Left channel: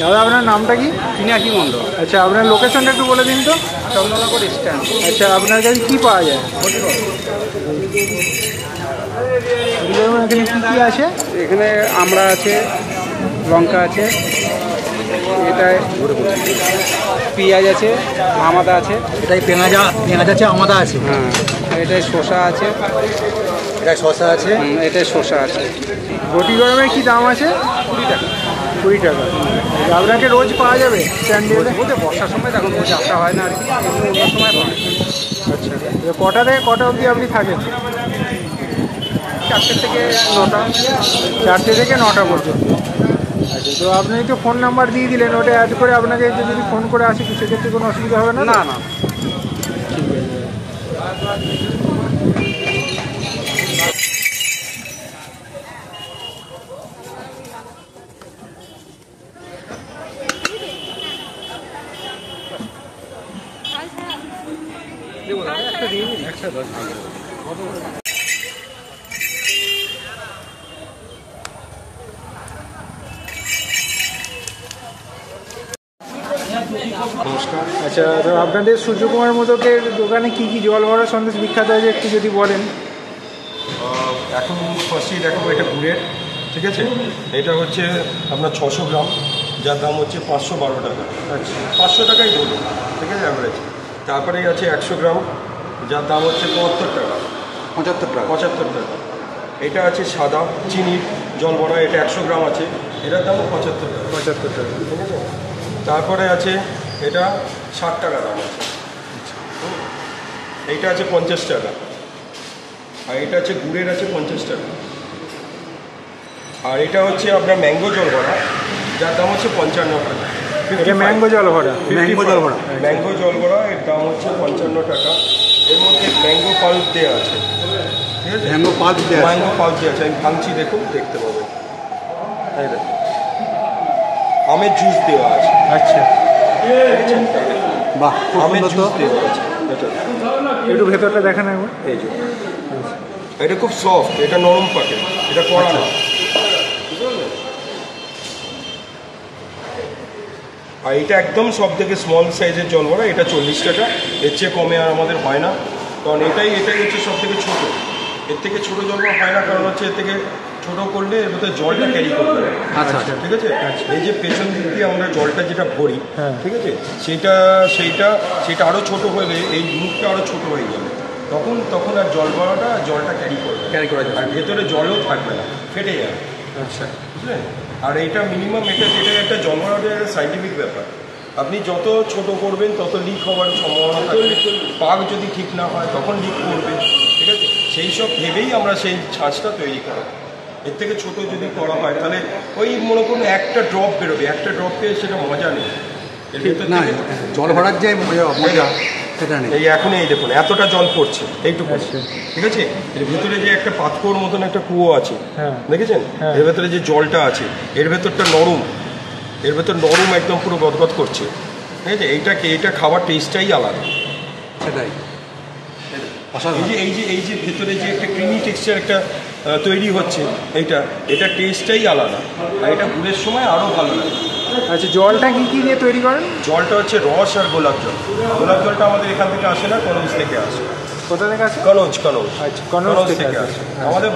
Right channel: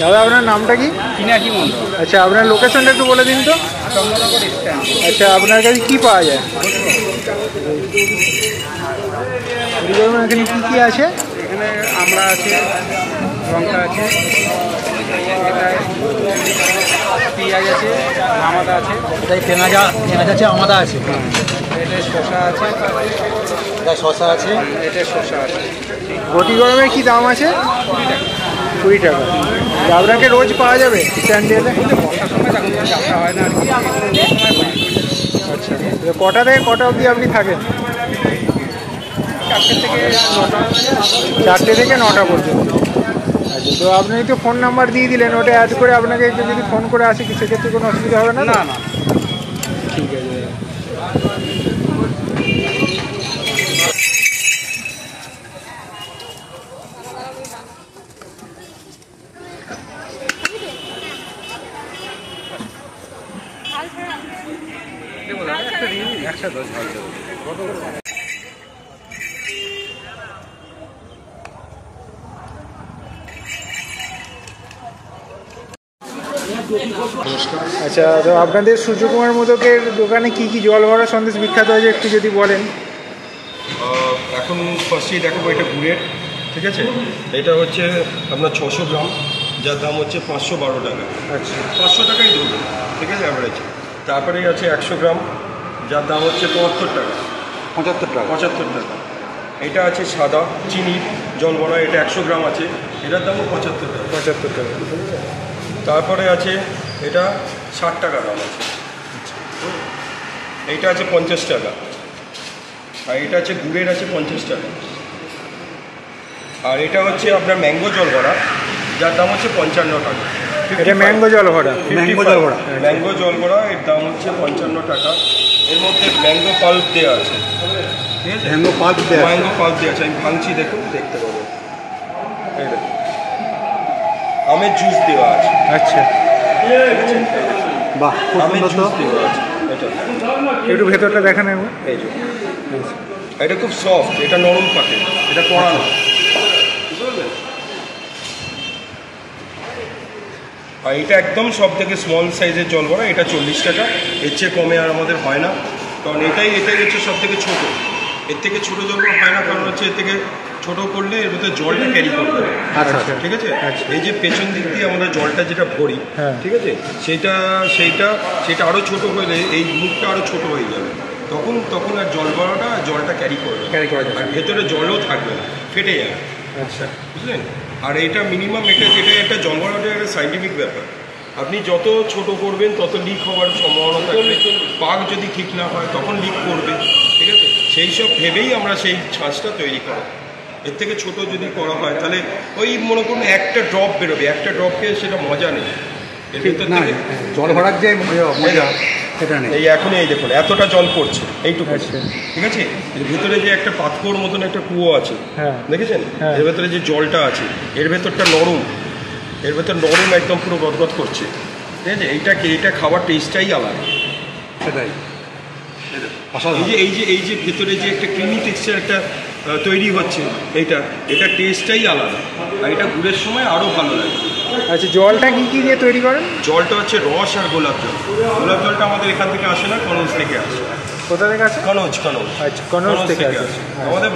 দাদা আপনার নামটা কি? পিনাকি মণ্ডল। আচ্ছা আপনার লোকেশনটা একটু বলে দিন তো। চন্দ্রনগর স্ট্যান্ড। আচ্ছা আপনার কাছে কি পাওয়া যায়? এখানে কি কি আছে? এখানে আমরা আছে, লঙ্কা আছে, এটায় পেঁয়াজ আছে, আমাদা আছে, এটাই পেঁয়াজ আছে, আমাদা আছে, এটায় শসা আছে, এটা শসা আছে, এটায় শসা আছে। ঘটি গরমের কি দাম আছে? 20 টাকা। 20 টাকা। আপনাকে রোজ পাওয়া যাবে স্ট্যান্ডে এলে? বর্ষার সময় তখন কোনো যাত্রা হয় না আর কি, অন্য সময় পাওয়া যায়। আচ্ছা কটা থেকে কটা অবধি আপনি থাকেন? 4টে থেকে 9টা। 4টে থেকে 9টা পর্যন্ত। আচ্ছা তো আপনি তো ফোন নাম্বার দিয়ে দিলেন, ওটা অ্যাড করে আপনাকে একটু যদি ফোন করে আসে কি সেক্ষেত্রে কোনো অসুবিধা হবে না? না না, ঠিক আছে। একটা 10 আচ্ছা তো আপনাদের সূর্যকুমার মোদকের দোকানে কি কি জল ভরা সন্দেশ বিখ্যাত আছে একটু যদি বলেন। এখন ফার্স্টেই দেখাবো এটা গুড়ের, ঠিক আছে। এটা হচ্ছে আপনার 600 গ্রাম, যার দাম হচ্ছে 512 টাকা। আচ্ছা 500 টাকাই ধরুন, ঠিক আছে অ্যাভারেজ। তারপরে আছে 100 গ্রাম, যার দাম হচ্ছে 75 টাকা। 75 টাকা। এটা আছে সাদা চিনি জল ভরা, এটা 100 গ্রাম আছে, এটার দামও 75 টাকা। 75 টাকা। তারপরে আছে এটা 60 টাকা দাম আছে। এইটা আছে 50 টাকা। আর এটা আছে গুড়ের আছে 50 টাকা। আর এটা হচ্ছে আপনার ম্যাঙ্গো জল ভরা, যার দাম হচ্ছে 55 টাকা। এটা ম্যাঙ্গো জল ভরা। ম্যাঙ্গো জল ভরা এর দাম হচ্ছে 55 টাকা। এর মধ্যে ম্যাঙ্গো পাল্প দেওয়া আছে, ঠিক আছে। ম্যাঙ্গো পাল্প দেওয়া আছে, আমি ভাঙছি, দেখুন দেখতে পাবো। এই দেখুন আমের জুস দেওয়া আছে। আচ্ছা বাহ, খুব সুন্দর তো। একটু ভেতরটা দেখেন একবার। এই যে এটা খুব সফট, এটা নরম পাটে, এটা কড়া না। আর এটা একদম সব থেকে স্মল সাইজের জল ভরা, এটা 40 টাকা। এর চেয়ে কমে আর আমাদের হয় না, কারণ এটাই হচ্ছে সব থেকে ছোটো। এর থেকে ছোটো জল ভরা হয় না, কারণ হচ্ছে এর থেকে ছোটো করলে এর ভিতরে জলটা ক্যারি করতে হবে। আচ্ছা ঠিক আছে। এই যে পেছন দিক দিয়ে আমরা জলটা যেটা ভরি, ঠিক আছে, সেটা আরও ছোটো হলে এই মুখটা আরও ছোটো হয়ে যাবে। তখন আর জলটা ক্যারি করা যাবে, আর ভেতরে জলও থাকবে না, ফেটে যাবে। আচ্ছা বুঝলেন। আর এটা মিনিমাম যেটা একটা জল ভরাটা একটা সাইন্টিফিক ব্যাপার। আপনি যত ছোট করবেন তত লিক হওয়ার সম্ভাবনা থাকবে। পাক যদি ঠিক না হয় তখন লিক করবে, ঠিক আছে। সেই সব ভেবেই আমরা সেই ছাঁচটা তৈরি করি। এর থেকে ছোট যদি করা হয় তাহলে ওই মনে করুন একটা ড্রপ বেরোবে, একটা ড্রপে সেটা মজা নেই। এর ভেতর থেকে জল ভরার যে মজা সেটা নেই। এই এখনই এই দেখুন এতটা জল পড়ছে এইটুকু, ঠিক আছে। এর ভিতরে যে একটা পাথর মতন একটা কুয়ো আছে, দেখেছেন। এর ভেতরে যে জলটা আছে, এর ভেতরটা নরম, একদম পুরো গদগদ করছে, ঠিক আছে। এইটা খাবার টেস্টটাই আলাদা। সেটাই এই যে ভেতরে যে একটা ক্রিমি টেক্সচার একটা তৈরি হচ্ছে, এটা টেস্টটাই আলাদা। আর এটা গুড়ের সময় আরও ভালো লাগে। আচ্ছা জলটা কি কি দিয়ে তৈরি করেন? জলটা হচ্ছে রস আর গোলাপ জল। গোলাপ জলটা আমাদের এখান থেকে আসে না, কনৌজ থেকে আসে। কোথা থেকে আসে? কনৌজ। আচ্ছা কনৌজ থেকে আসে। আমাদের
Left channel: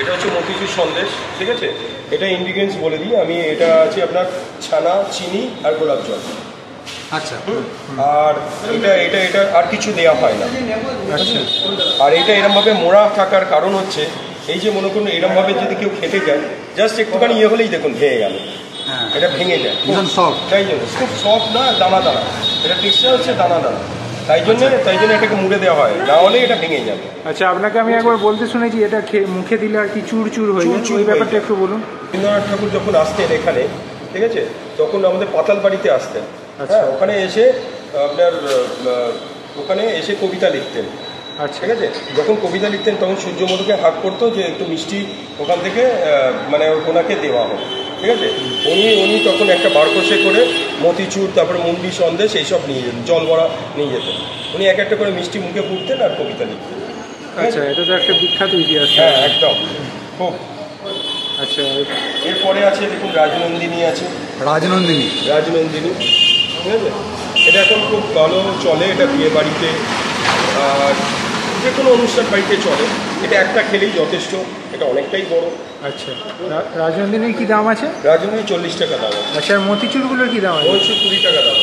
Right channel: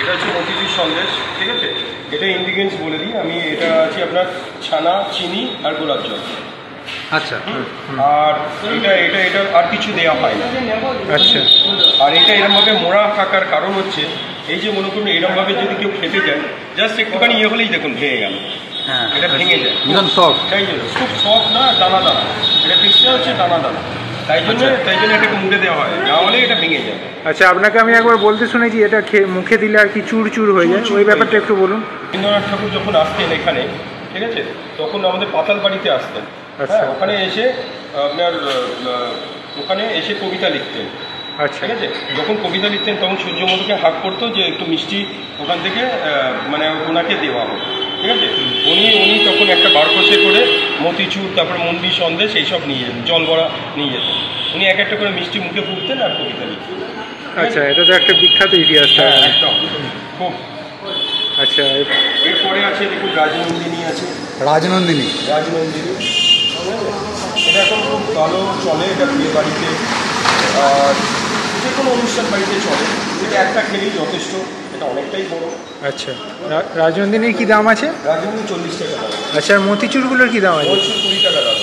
এটা হচ্ছে মতিচুর সন্দেশ, ঠিক আছে। এটা ইনগ্রিডিয়েন্টস বলে দিই আমি। এটা আছে আপনার ছানা, চিনি আর গোলাপ জল। আচ্ছা। আর এটা আর কিছু দেওয়া হয় না। আচ্ছা। আর এটা এরমভাবে মোড়া থাকার কারণ হচ্ছে এই যে মনে করুন এরমভাবে যদি কেউ খেতে যায়, জাস্ট একটুখানি হলেই দেখুন ভেঙে গেল। এটা ভেঙে যায়, সফট। তাই জন্য খুব সফট না, দানা দানা। এটা টেক্সচার হচ্ছে দানা দানা, তাই জন্য এটাকে মুড়ে দেওয়া হয়, না হলে এটা ভেঙে যাবে। আচ্ছা আপনাকে আমি একবার বলতে শুনেছি এটা মুখে দিলে আর কি চুরচুর হয়ে যায়, ওই ব্যাপারটা একটু বলুন। রবীন্দ্রনাথ ঠাকুর যখন আসতেন এখানে, ঠিক আছে, তখন আমাদের পাতাল বাড়িতে আসতেন। ওখানে এসে কবিতা লিখতেন। আচ্ছা ঠিক আছে। যখন কবিতা লিখতেন তখন সূর্যমধুকে হাত করতো যে একটু মিষ্টি ওখান থেকে মানে ওনাকে দেওয়া হোক, ঠিক আছে। উনি তখন একটা বারকোষে করে মতিচুর, তারপরে মুন্ডি সন্দেশ এইসব নিয়ে যেতেন, জল ভরা নিয়ে যেতেন। উনি এক একটা করে মিষ্টি মুখে পুড়তেন আর কবিতা লিখতেন। আচ্ছা এটা তো একটা বিখ্যাত ইতিহাস। হ্যাঁ একদম, খুব আচ্ছা, এরপরে আছে দেখুন রাজনন্দিনী আছে। রাজনন্দিনী। রাজনন্দিনী, ঠিক আছে, এটা এখন খুব ভালো চলে, এটা বিয়ে বাড়িতে আর যে কোনো অনুষ্ঠান বাড়িতে চলে। এটা একটা খেলেই যথেষ্ট, এটা অনেকটাই বড়। আচ্ছা, রাজনন্দিনীর কি দাম আছে? রাজনন্দিনী 40 টাকা দাম। আচ্ছা, আর মতিচুরগুলোর কি দাম আছে? 20 টাকা দাম।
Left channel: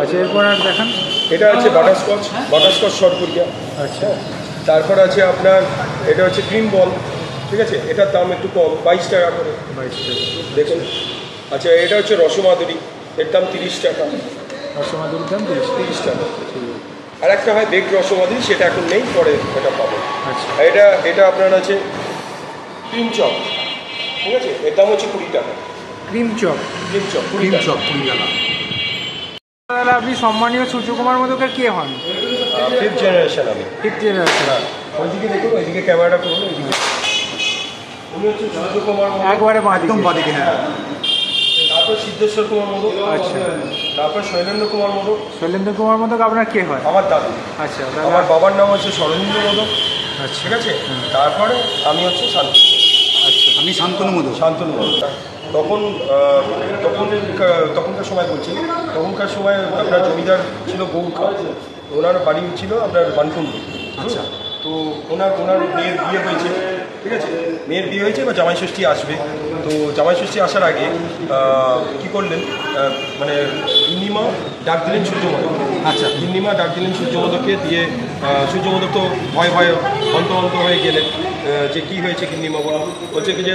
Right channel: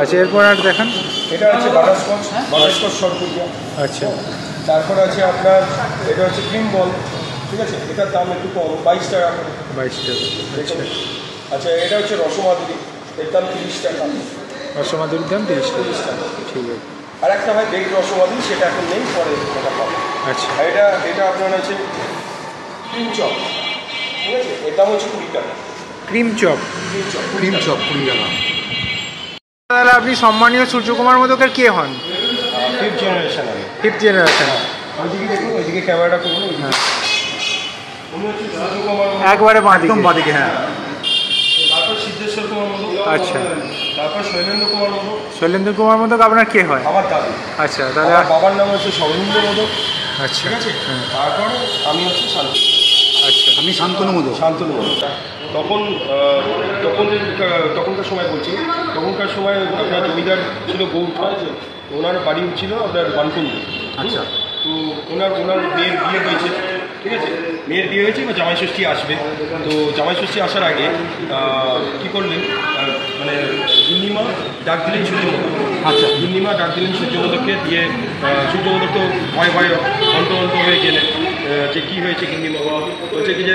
আচ্ছা, এরপর আর দেখান। এটা হচ্ছে বাটারস্কচ, বাটারস্কচ শর্টপুরিয়া। আচ্ছা, তারপর আছে আপনার এটা হচ্ছে ক্রিম বল, ঠিক আছে, এটার দাম একটু কম, 22 টাকা করে। 22 টাকা। দেখুন। আচ্ছা, এটা হচ্ছে রসমাদুরি, এর দাম 30 টাকা। রসমাদুরির দাম 30 টাকা। ঠিক আছে। আর একটা হয় বেগ রসমাদুরি, সেটা এখন নেই, পরে ওটা পাবো। আচ্ছা, আর এটা আপনার আছে ক্রিম চপ, ঠিক আছে, এর দাম হচ্ছে 20 টাকা। Cream chop. ক্রিম চপ 20 টাকা। তাহলে আপনি সম্মানীয় সূর্যকুমার মোদকের কে হন? 5th জেনারেশন আমি। 5th generation. ওইদিকে দেখুন, ওইদিকে ক্যামেরাটা করুন, ওইদিকে। উনি হচ্ছে সূর্যকুমার মোদক। একবারে বাঁ একদম দিকে। বাদিকে, হ্যাঁ। তারপর সিদ্ধেশ্বর কুমার মোদক। আচ্ছা। তারপর শৈলেন্দ্র কুমার মোদক। শৈলেন্দ্র কুমার মোদক আপনার কে হয়? আমার দাদু। আচ্ছা, তাহলে আমার বাবার নাম হচ্ছে শরণেন্দ্র মোদক, আচ্ছা, ঠিক আছে। হ্যাঁ। তারপরে আমি হচ্ছে শান্তনু। আচ্ছা, আমি শান্তনু মোদক। শান্তনু মোদক। তখনকার সময় বলছি, তখনকার সময় আপনার জমিদার ছিল গৌরখা, ওনার বাড়ি ছিল আপনার বানকুন্ডি। আচ্ছা। তো ওনার মেয়ের বিয়ে হয়েছে, ঠিক আছে, মেয়ের বিয়ে হয়েছে বা জামাই ষষ্ঠী আসবে। তো জামাই ষষ্ঠী আসার আগে কী করলেন, মানে গিন্নিমা ডাক দিলেন সূর্যমোদক। আচ্ছা। গিন্নিমা ডাক দিলেন সূর্যমোদককে, দিয়ে সূর্যমোদক তো ভয় অন্ত হয়ে গেলেন যে কী হয়েছে গিন্নিমা, বলছে কি যে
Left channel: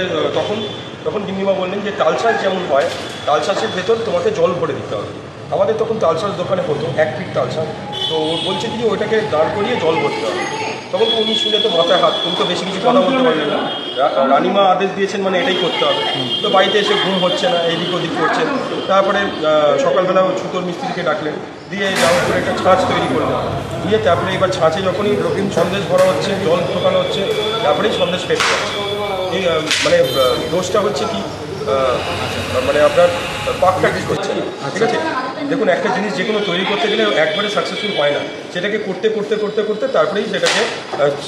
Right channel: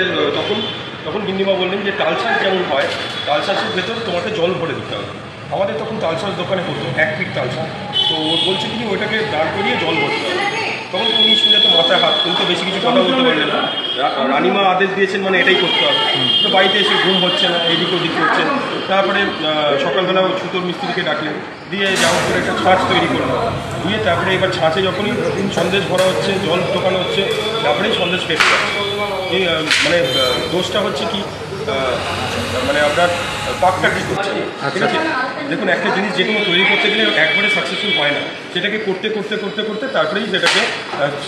তখন গিন্নিমা বললেন যে তালশাঁস যেমন হয়, তালশাঁসের ভেতর তোমাকে জল ভরে দিতে হবে। আমাদের তখন তালশাঁস দোকানে হতো 1 ফিট তালশাঁস, তো বলছে কি ওইটাকে দাঁড় করিয়ে জল ভরতে হবে। তখন উনি শুনে তো মাথায় হাত, উনি তো বেশি কিছু কথা বলতে পারলেন না। রানিমা আদেশ দিয়েছেন মানে এটাই করতে হবে। তো বাড়িতে এসে ঘুম হচ্ছে না, এদিক ওদিক করছেন। তারপরে সকালবেলা ছুতোর মিস্ত্রিকে ডাকলেন, দিয়ে যাওয়ার পরে একটা ছাঁচ তৈরি করলো, দিয়ে তারপরে এবার ছাঁচে যখনই সন্দেশ ভরা হচ্ছে, জল ঢোকানো হচ্ছে, তারপরেই সন্দেশ ফেটতে হচ্ছে। এই মানে দোষটা হচ্ছে কি, মানে আপনার পাকটা ঠিক হচ্ছে না, ঠিক আছে। দেখুন, একটা জিনিস যে কোনো তৈরি করতে গেলে একবারে সাকসেসফুল হয় না, সেটাকে করতে করতে করতে করতে তারপরেই সেটাকে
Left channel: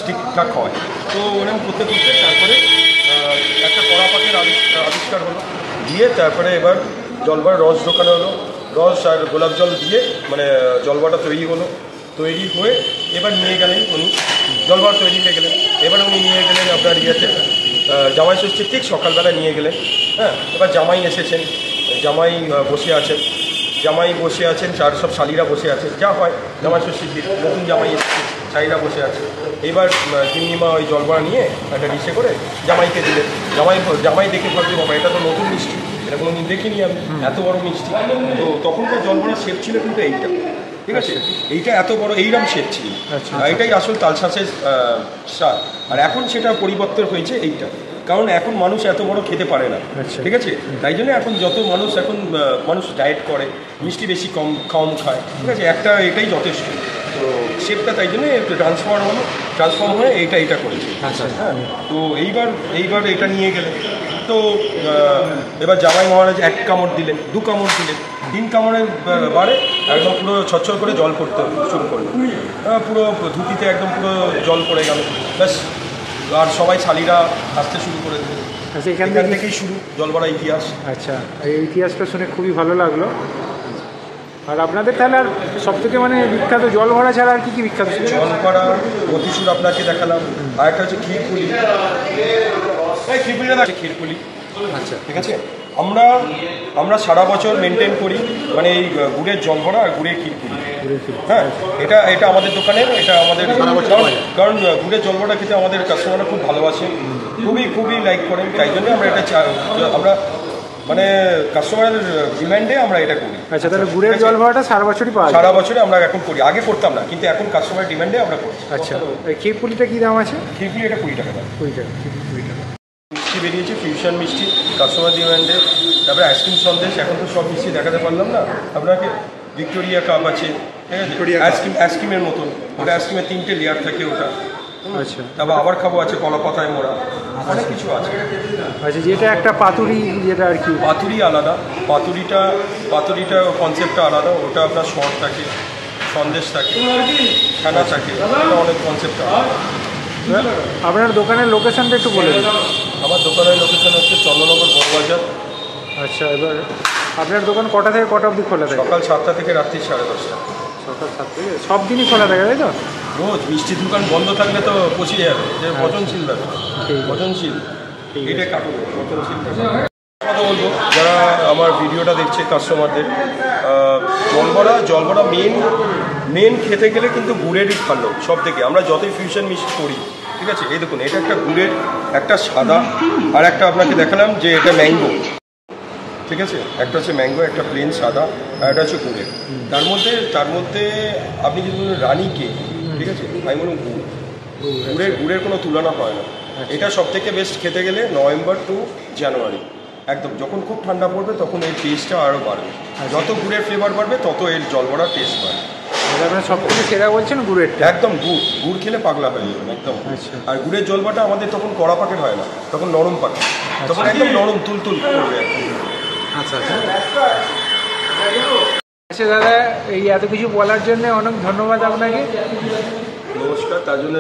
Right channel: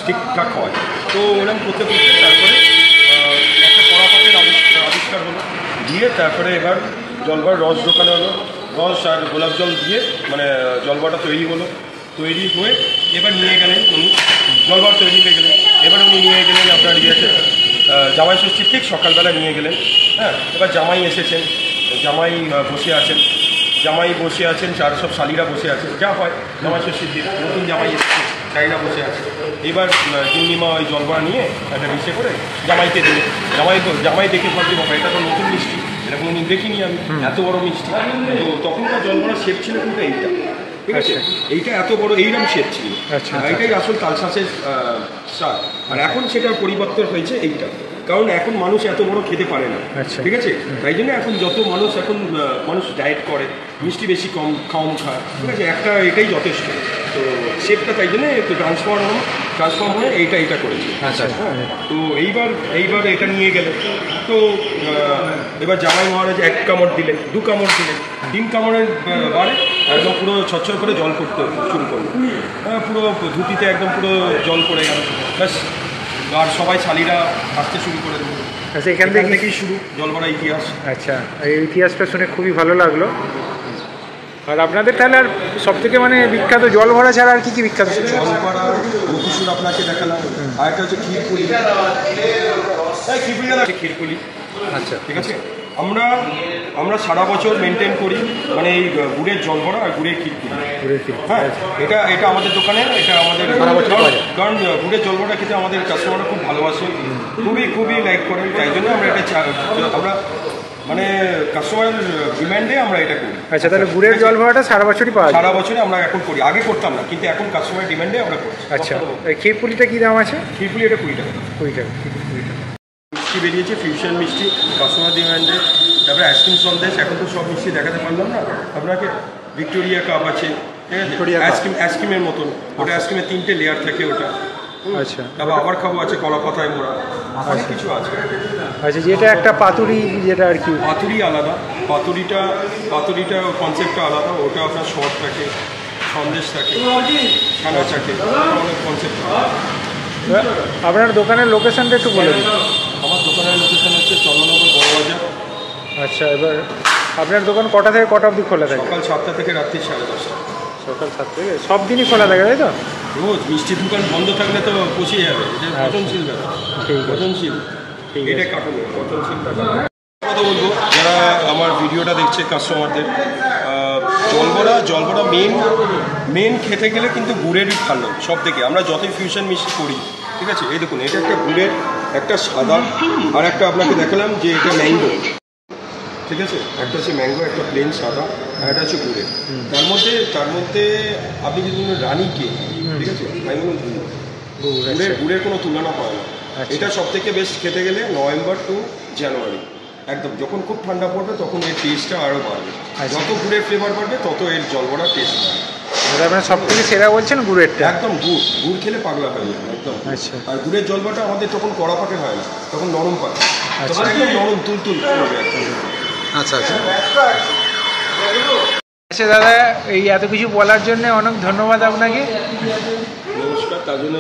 ঠিকঠাক হয়। তো এরকম করতে করতে তারপরে একটা কড়া পাকের আবিষ্কার হলো, দিয়ে তারপরে এবার জলবার রস ঢোকানো হলো, রস আর গোলাপ জল দিয়ে মানে জলবাটা তৈরি হলো। তৈরি হয়ে এবার নিয়ে গেলেন উনি, জলবার তৈরি হয়ে গেলেন। এবার উনি নিয়ে গেলেন আপনার ইয়েতে, জামাই ষষ্ঠীর ঠিক সকালবেলা নিয়ে গেলেন। হ্যাঁ, এবার জামাই এসেছেন, জামাই বসে আছেন, চার সব শালিরা বসে আছেন, যা হয় জামাই ষষ্ঠীর দিন, নতুন জামাই এসেছে, শালিরা বসে আছে। এবার গিন্নিমা ওই জলবড়া নিয়ে একটা ডিশে করে জামাইকে দিলেন। জামাই দেখে ভাবছি বাবা এটা তো নতুন মিষ্টি, এটা কোনো দিন দেখিনি আমি, এত বড় মিষ্টি। তো তখনকার জলবড়ার শেপ ছিল কিন্তু এইটা, ঠিক আছে, এইটা এত বড় এইরকম শেপ ছিল, এইটাই আসল তালশাঁসের স্বাদ। আর এখন সেটা পরিবর্তন হয়েছে এইটা, কারণ এখন মানুষ এত বড় খেতে পারে না, ঠিক আছে। তাই জন্য এখন যত মানুষ ডায়েট করে, মিষ্টি বেশি কম খায়, ঠিক আছে, এটাই যথেষ্ট। তো শেপটা তাই জন্য একটু ট্রান্সফর্ম হয়ে এইটা করেছে। আচ্ছা, হ্যাঁ, তো এইবার এটা নিয়ে গেলে তো এবার জামাই মহারাজ 1 কামড় দিলেন, 2 কামড় দিলেন, 3 কামড়ের বারে একদম পুরো ছচ্ছর করে জল পড়তে শুরু করলো, পুরো ধুতিতে একদম পুরো জল পড়ে গেল, ব্যাস। আর সবাই শালিরা আসতে শুরু করে দিল। আচ্ছা, এখান থেকেই শুরু জলগড়া ইতিহাস। আচ্ছা, এই ইতিহাসটা শুনে খুবই ভালো লাগলো। আর আপনাদের তাহলে আর সব থেকে মানে বিখ্যাত জল ভরা ছাড়া আর কি কি বিখ্যাত? জল ভরা মতিচুর আপনাকে দেখালাম, আর একটা হচ্ছে ক্ষীরপুলি। ক্ষীরপুলি, আচ্ছা, ঠিক আছে। আমরা সারা বছর মেনটেন করি মানে এই গুড়ের জল ভরা আর গুড়ের ক্ষীরপুলি। হ্যাঁ, এটা আমাদের দোকানে, এটা আমাদের, কারণ গুড়ের জল ভরা খেতে আমাদের কাস্টমাররা খুব ভালোবাসে, খুবই লাইক করেন। তাই জন্য আমরা মানে কাস্টমারের ডিমান্ডে আমরা এটা করি। আচ্ছা, তাহলে গুড়ের জল ভরাটা সারা বছরই পাওয়া যায়? সারা বছরই আমরা এখন করি, আগে করতাম না, কিন্তু এখন কাস্টমারের ডিমান্ডে আমরা করছি। আচ্ছা, ক্ষীরপুলিটা কী দাম আছে? ক্ষীরপুলি এটা 20 টাকা। 20 টাকা, 20 টাকা। মিষ্টি বেরিয়েছে, ফিউশন মিষ্টি, কাস্টমার ডিমান্ডে। তারপরে আইসক্রিম সন্দেশ, এখন তো সব মিষ্টি দেখাতে পারলাম না আপনাকে। ভিক্টোরিয়া কাপ আছে, আইসক্রিমের মতন, ওটা আইসক্রিমের 3টে লেয়ার থাকে ওটা। আচ্ছা, তারপর আবার খাবো আছে কলা পাতায় মোড়া, অনেক কিছু আছে। আচ্ছা, যেটা একটা পাতুরি, যেটা আর কি পাতুরি আলাদা, পাতুরিটা কনসেপ্টটা আলাদা, ওটা আপনার শর্ট থাকে, সন্দেশ থাকে, খানা থাকে, ওটা অনেক কনসেপ্ট আলাদা। আপনার দোকানের লোকেশনটা একটু বলে দিন। আমার দোকানের লোকেশন হচ্ছে চন্দ্রনগর বড়বাজার। আচ্ছা, এবার আপনার দোকান কটা থেকে কটা অবধি খোলা থাকে? সকাল 7টা থেকে রাত্রি 10:30। সকাল 7 থেকে সব দিনই খোলা থাকে, তাই তো? রোজ মিষ্টির দোকান বন্ধ থাকলে তো পচিয়ে যাবে। এটা পচনশীল ব্যাপার, ঠিক আছে, পচনশীল। ঠিক এটা আছে। কাটবে পচনশীলটা। কথা বলবো যারা আমার ভিডিওটা দেখছে কাস্টমারদের, জলবড়া মেন খেতে গেলে কিন্তু গুড়েরই ভালো সব থেকে। আমরা যতই ফিউশন মিষ্টি করি, ঠিক আছে, এই দেখুন এটা একটা গুড়ের, একটা সাদা, আর একটা আপনাকে দেখালাম যে এটা ম্যাঙ্গো, ঠিক আছে, একটা হচ্ছে ম্যাঙ্গো, একটা প্লেন সাদা, আর একটা হচ্ছে গুড়ের। তার মধ্যে আপনি যদি বলুন রানী কেক, ঠিক আছে, আমি বলুন গুড়ের কোনো তুলনা হয় না। এটা সব থেকে বেস্ট খেতে গেলে নভেম্বর টু জানুয়ারি, একদম যখন খুব ঠান্ডা পড়বে তখন এর টেস্টটা আরও বাড়বে। যত গুড়ের ফ্লেভার বাড়বে তত এর জলবড়ার টেস্ট বাড়বে। আপনার সব থেকে সেরা বলছেন গুড়েরটা? একদম গুড় খেলে পাগলা হয়ে যাবে একদম। আচ্ছা, আর গুড়ের জলবড়াটা আমাদের তখন কড়া পাকের হয় না, তখন নরম পাকে, তখন একদম নরম তুলতুল করবে। আচ্ছা আচ্ছা। আচ্ছা দাদা, এই এত কিছু বলার জন্য অনেক ধন্যবাদ আপনাকে। নমস্কার। তার জন্য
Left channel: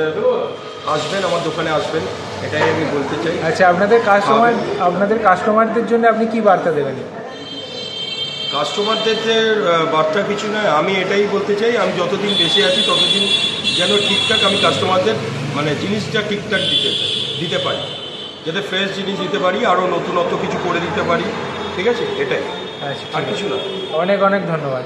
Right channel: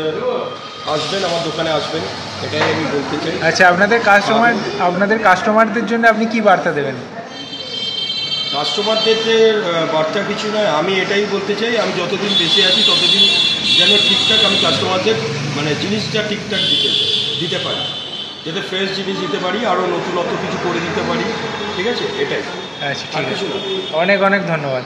আসবেন, আমার দোকানে আসবেন, এটাই আমি বলতে চাই। আচ্ছা, আপনাদের কাস্টমারদের জন্য আপনি কি বার্তা দেবেন? কাস্টমারদের যে বার্তা কিছু নয়, আমি এটাই বলতে চাই, আমি যতদিন বেঁচে আছি ততদিন যেন ঠিকঠাক আমি কাস্টমারদের মানে জিনিসটা ঠিকঠাক দিতে পারি, যাতে ফ্রেশ জিনিস দিতে পারি, আরও নতুনত্ব কিছু করে দিতে পারি, ঠিক আছে, এটাই, আচ্ছা, আর ঠিক কিছু আছে, না। অনেক অনেক ধন্যবাদ।